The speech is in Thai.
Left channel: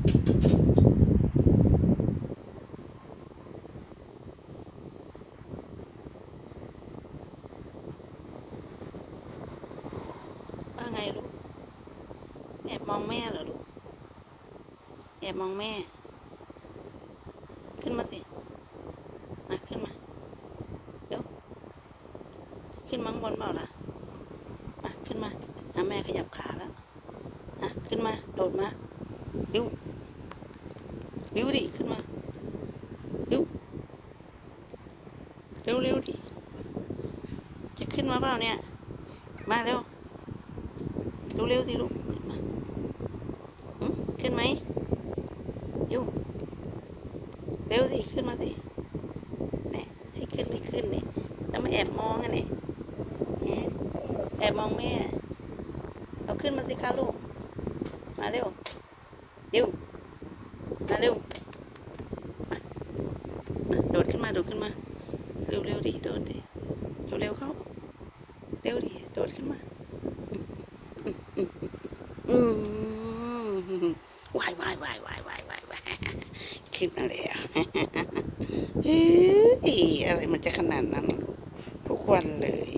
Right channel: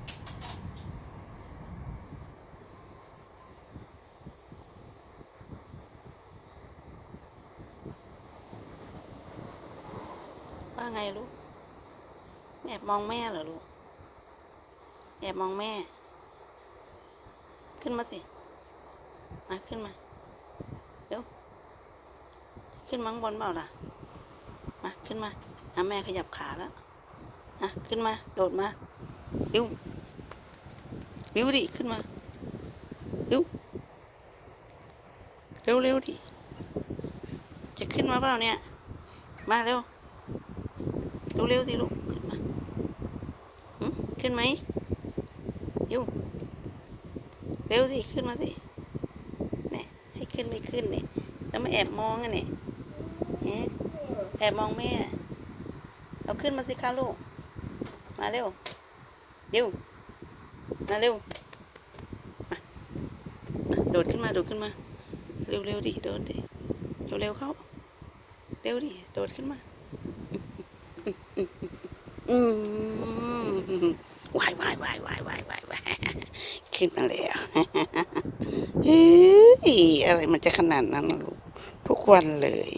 ว่าไงลูก แอบมองแม่เหรอลูก แอบมองแม่ ขึ้นมาสิ มาขึ้นมา เดี๋ยว ขึ้นมาข้งบนเปล่าล่ะ มาขึ้นมาอะแม่ขยับขาแล้วอะขึ้นมา โดดมา เร็วเร็วดิขึ้นมาเร็วเร็วเร็วดิจะขึ้นมาเปล่าเนี่ย มาเร็วเร็วเร็วสิลูกขึ้นมาหึขึ้นไหมเร็วเร็วสิขึ้นมาสิเนี่ยให้ขึ้นไม่ขึ้นเนี่ยแล้วมาแอบมองกันเนี่ยเอ๊แอบมองแม่เอาขึ้นมาสิคะลูกมาเร็ว เร็ว มาเร็ว โดดขึ้นมา โดดขึ้นมา เร็วเร็วดิ โดดดิ เร็วเร็วเข้า เร็วดิ โดดขึ้นมา อืมวายวายวายวายวายวายวายขึ้นมาเลยอะเฮ้ยอะไรมันจะขนาดนั้นลูกทุกวันเลย